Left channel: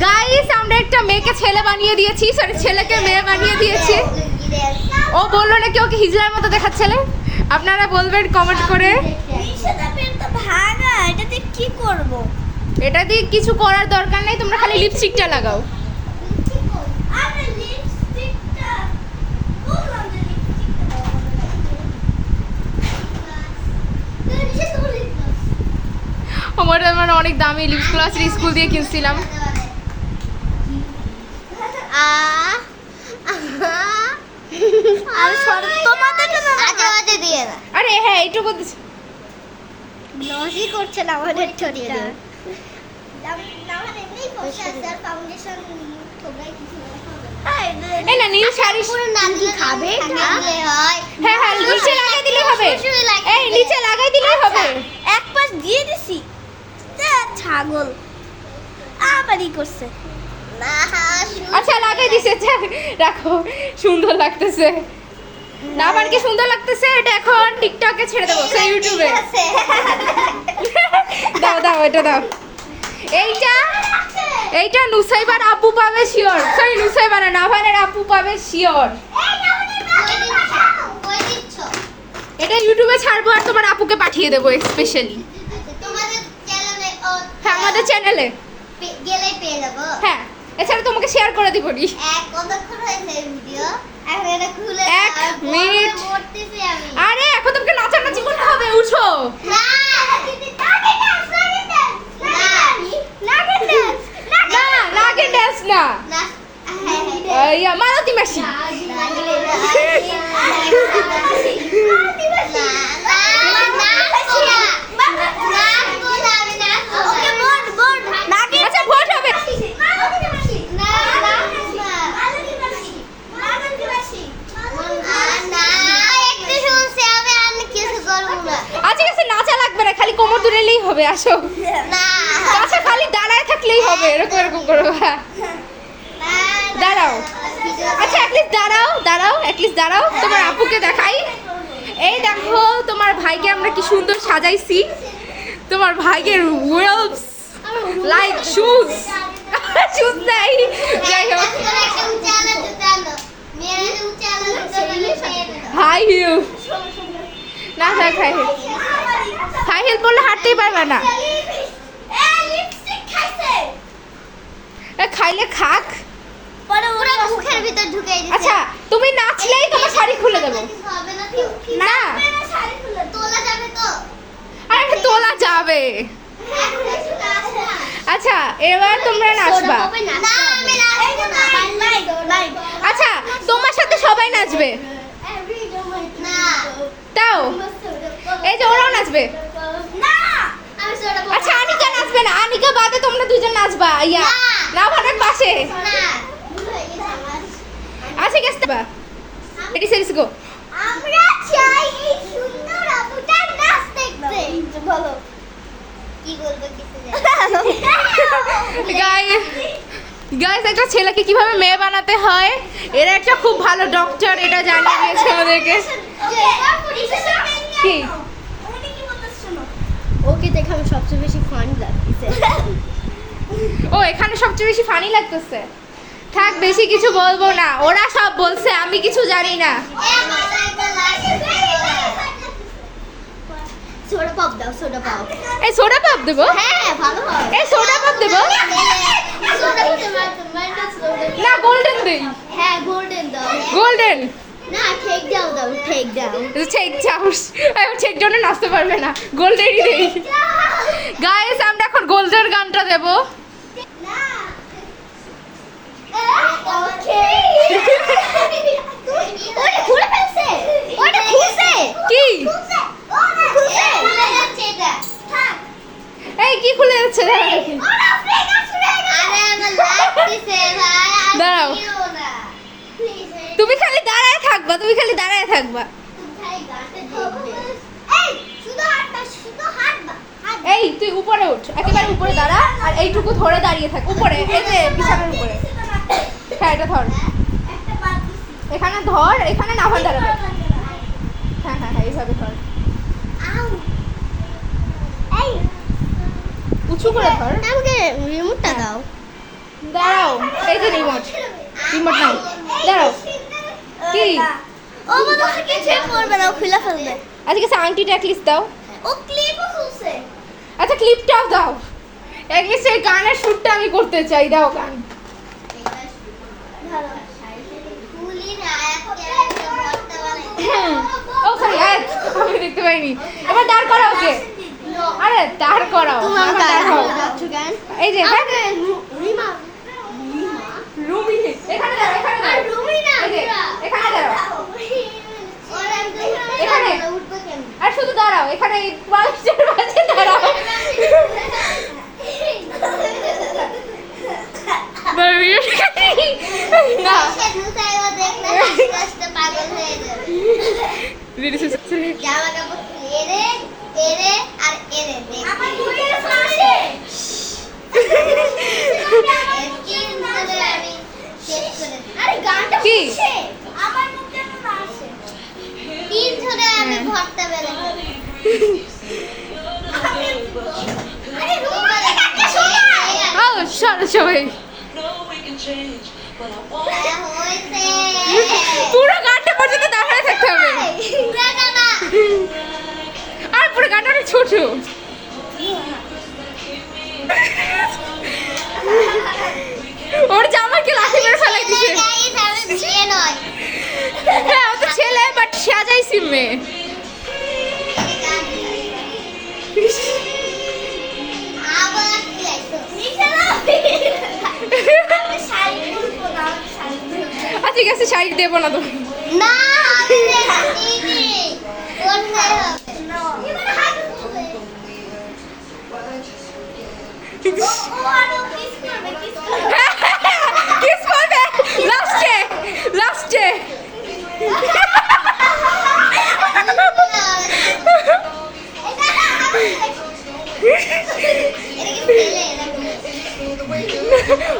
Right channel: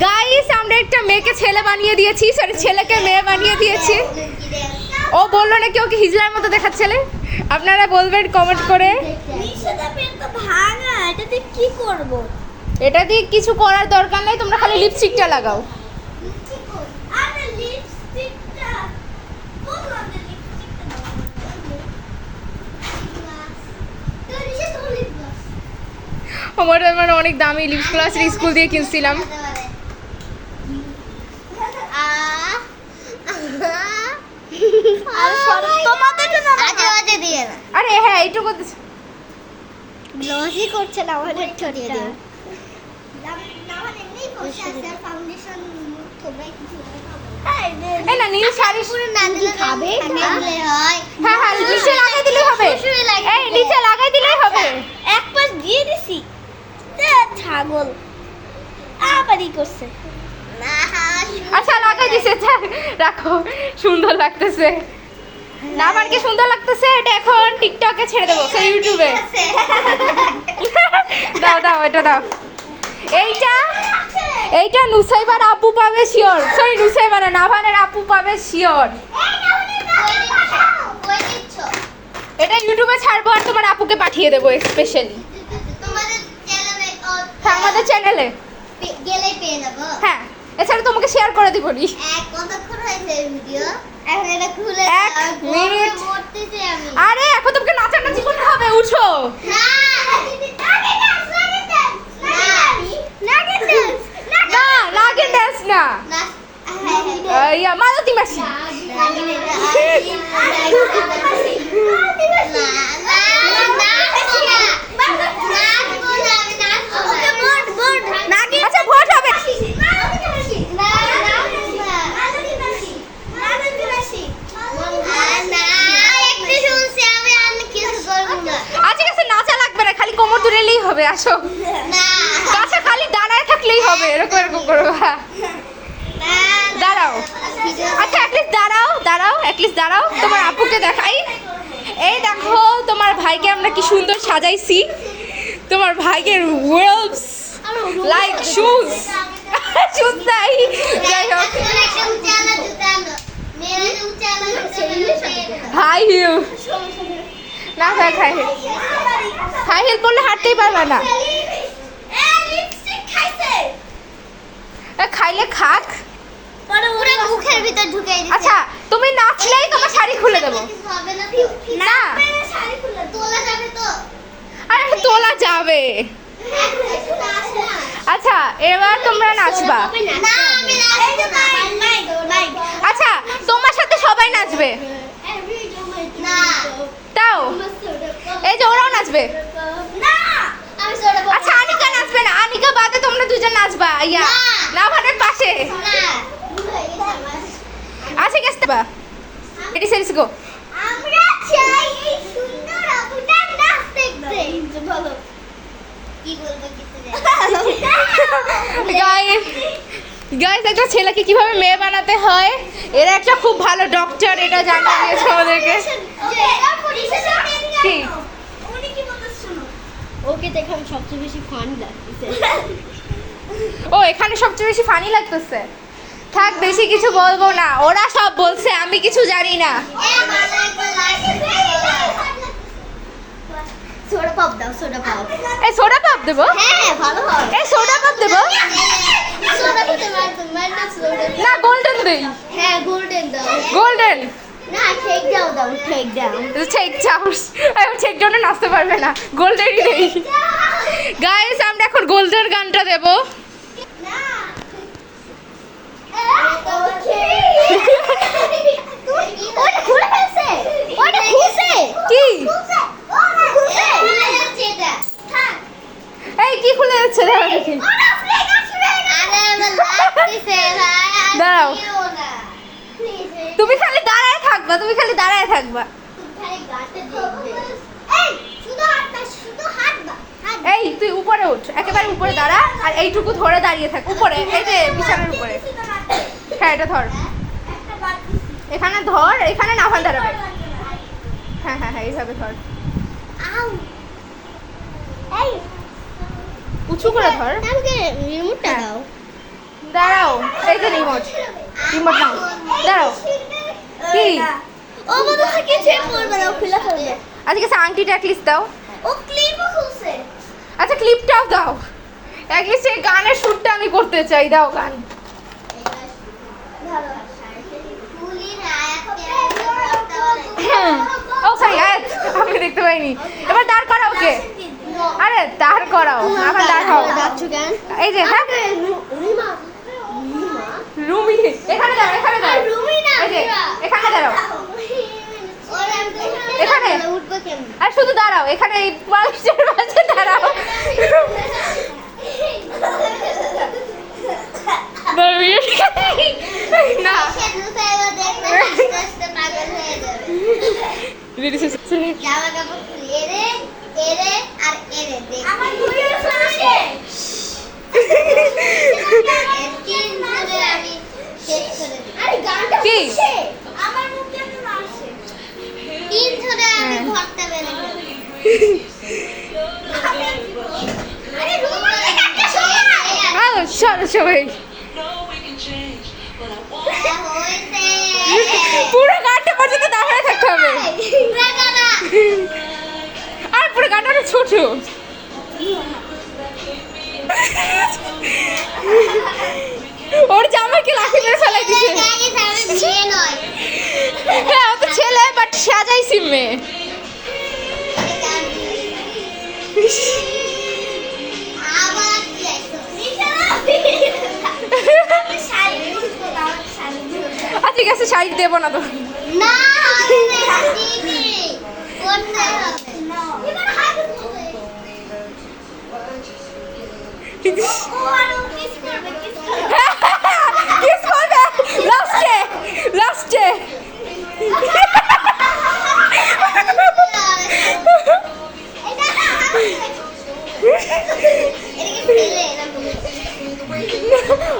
Guys আমরা একটা মেয়েকে ছেলে বানিয়ে দিয়েছি, সরি ছেলেকে মেয়ে বানিয়ে দিয়েছি। ও বললো নাকি ওকে হিজলার মতো দেখাচ্ছিলে। আপনারা বলবেন কমেন্ট করে। এটা দিয়ে কিছু করার দরকার নেই, তোমরা খালি লিপস্টিকটা লাগাও। আমার অনেক দামি লিপস গ্লাস স্কুল দিয়ে কিনছিলাম। আরে হ্যাঁ এইটুকু গ্লসি করছে না আমাদের ঠোঁটটা। এই না নীল শাড়ি পুরো নানি খাবে না। হ্যাঁ হ্যাঁ নিচে লাগাই দিলেই হবে। এই নিচে লাগাই দিলেই হবে। এক পাশ দিয়ে দিছি। ছাগল আবারই করছে। আচ্ছা লাগাই দিছে, রাখো। সুন্দর লাগতেছে না? আমার কি সুন্দর লাগতেছে? এটা এখন টিকটকে ছেড়ে দেবো, সেই ইউটিউবে। দাও দাও এটা দাও। এইটা নুসাইবার আপু পাবে শিওর। সরি নুসাইবার না, নাভানের আপু পাবে শিওর। এটা ইউটিউবে ছাড়বো আর তোমার আপুকে পাঠিয়ে দেবো স্পেশালি আমাদের চ্যানেলে গেলে পেয়ে যাবো। হ্যাঁ এছাড়া তোমাকে শেয়ার করে দিব নি। কতক্ষণ হয়েছে ভিডিও? এখন এটা খুলে 1 মিনিট। পড়তেছি আমি। আরে এখন তোমাকে নাচানাচি করতে হবে, উঠো। না না নাগিন ড্যান্স না, ইয়া মালতী মাসি। আচ্ছা ভোট হবে। আচ্ছা কাছে নাচা লাগবে না, খালি কোমর দুলেই হবে। আসো কাছে খালি দাঁড়ায় থাকলেই হবে, এরকম এরকম করবা। দাঁড়াও। আচ্ছা অ্যাটলিস্ট দাঁড়াও অ্যাটলিস্ট দাঁড়াও। তোমার আপুকে দেখাই। এই দেখো তোমার ভাইকে আমরা কি সুন্দর সাজাইছি। তোমার ভাইয়ের ওয়েলস লাইক শুজ শুজ নাই, যাই হোক হাই হিল না, হাই হিল বললে হাঁটতেই পারবে না। খাইলে খাক। পুরো মুখের ভিতর ঢুকাই দিছে। আচ্ছা তুমি নাচলেই তোমার শাড়ি খুলে দেবো। না তোলা যাবে তো? আরে তোলা যাবে। আচ্ছা এবার তোমরা নাচবা। না আমি নাচবো না। আচ্ছা তোমার সাথে সবাই নাচবে। না তাও এই যে ওরাও নাচবে। না আমি সোডা বলবো। আচ্ছা আনিকা নাচবে না, আনিকা বাদে তোমরা দুজন নাচবা। ইয়া না ভানের পাশে। আচ্ছা গেছে বা রেডি সেট গো। আমরা চাই এই সুন্দর আপুটার নাচ দেখতে। বলো কি বলবো কিছু জানি। গাইস একটা ছেলেকে কিভাবে মেয়ে বানাতে হয়, এরা একটা খুব ভালো ডক্টর, এটা জানিয়ে দিয়েছে আমাদেরকে। কি উনি কি বলতেছ শুনো। ওকে দেখে আমি সবচেয়ে বেশি ফান লাগতেছে। ও এখানে সবচেয়ে বেশি ফানি লাগতেছে। থাক বেশি কিছু বলবো না, ওরা সব বলছে, আমি কিছু জানি না। সোডা পপ দাও, সোডা পপ। এই সোডা পাপ দেবো? হ্যাঁ ভালো হয়। এই সোডা পাপ দেবো? Soda pop minus soda. না গোল্ডেন দেই। হ্যাঁ গোল্ডেন দাও। গোল্ডেন না টেক দাও দাও, টেক দাও। টেক চাউস, আমি টেক জন্য নাচতে পারবে না, গোল্ডেনই দেই। গাইস আমরা এখন গোল্ডেন গানটা দেব। না ওকে। ওটা খুলে ফেলছে। ওটা খুলছে। কি খুলছে। খুলছে। খুলে যাচ্ছে এটা। থাক। এই কি খুলে যাচ্ছে? দাঁড়াও দেখি। ওটা ফ্রেগ আসলে। আরে আমার লাগতেছে ভাই। দাঁড়াও। না প্লিজ তুমি খালি দাঁড়ায় থাকবা, তুমি খালি দাঁড়ায় থাকবা। ভাই গাতে দেখবে। এই শুধু হাঁটবা, শুধু হাঁটবা। এই তুই উপরে উঠ, একেবারে উপরে দাঁড়া, আর এইটুকু ধরে দাঁড়িয়ে থাক উপরে, এই যে বিছানার উপরে। হ্যাঁ এটা ধর, একটা বাদ দিছি। এখানে ধর, এখানে নাভান দাঁড়াবে। হ্যাঁ হ্যাঁ হ্যাঁ এইভাবে ধর, আউ এই উঁচু করে ধর। আমাকে রিমোটটা হ্যাঁ। দাও। দাঁড়াও, এই তো রিমোট নাও, দাঁড়াও। কি? ও মনে হয় কি চেক করবে না, ও খুলে ফেলবে। আজকে আংটিটা অ্যাটলিস্ট দাও। ও ক্লিপও খুলছে। আচ্ছা ক্লিপটাও দাও, অ্যাটলিস্ট এই গানের শ্যুটটা আমি করতে চাই, দাও গান। ভালো ফুলির হাত ও সরি, আমি দেখতে পাইনি। এবার দাঁড় করাও ওকে, আরে দাঁড় করাও, আবার দাঁড় হও। যাচ্ছ কেন? এই যে হ্যাঁ, রিমা রুমি এখানে দাঁড়াও, এখানে দাঁড়াও, রুমিনা এই যে, এখানে দাঁড়াও, এখানে এখানে। উঠবে কেমন? আর শুধু দাঁড়াও, এখানে এই মানুষের মাঝে দাঁড়াও। না সে দুসাইবা দেখলে হাসতে হাসতে পাগল হয়ে যাবে। জামা কাপড় খুলে এরে আর এরে দেখ। আমার ঘুরে আসে। একদিন ধরে আমি শেষ করে দিই। আরে গানটা কি? শুনছে। আমার মুখ যেন না আসে। দিন ধরে আমি ঘরটা বের করি। আরে রুমা একটা সময়। আও সরো সবাই, পুরো গানটা পর্যন্ত দাঁড়িয়ে থাকতে হবে। আর পুরো গানটা অনেক ছোট। ওর জামাকে লাঠি মেরে ফেলাই দিছে। হ্যাঁ ও তো ছেলে, বাট সাজাইছি মেয়ে। আচ্ছা ঠিক আছে, শাড়ি দেবো না তো। কিস করবে লাস্টে, লাস্টে।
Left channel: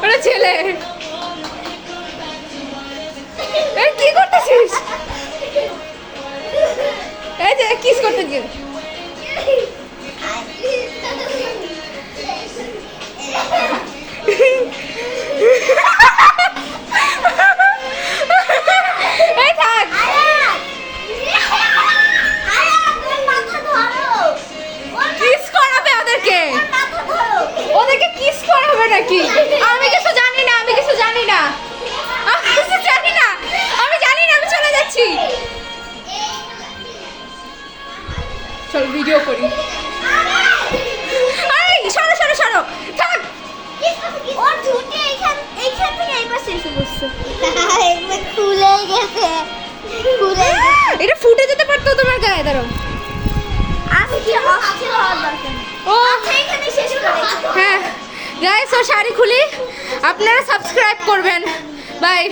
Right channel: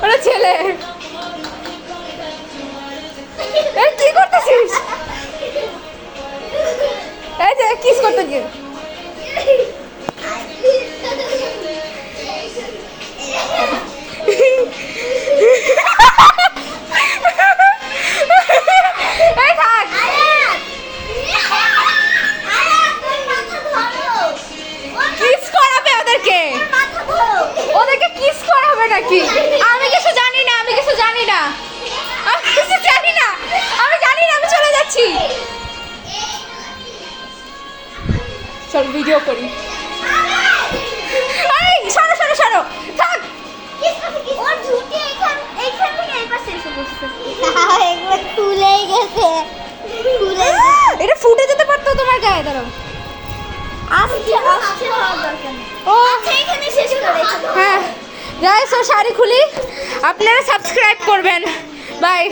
ওরা ছেলে। এই কি করতেছিস? এই যে কিস করতে গিয়ে এই থাক। কিস করাবে ওদেরকে, ওদেরকে কিস করাবে নাকি? আমি কিছু জানি না, আমি কিছু জানি না, আমি কিছু জানি না, আমি জানি না, আমি চলে যাচ্ছি। চল ভিডিও করি। এই সরো সরো সরো, থাক। খুলে গেছে, খুলে এটা ফুটে যেতে পারতো তোমার গায়ে, দাঁড়াও। ও হ্যাঁ গাইস, ও শাড়ি খুলি, আপনারা সাবস্ক্রাইব করবেন, বাই।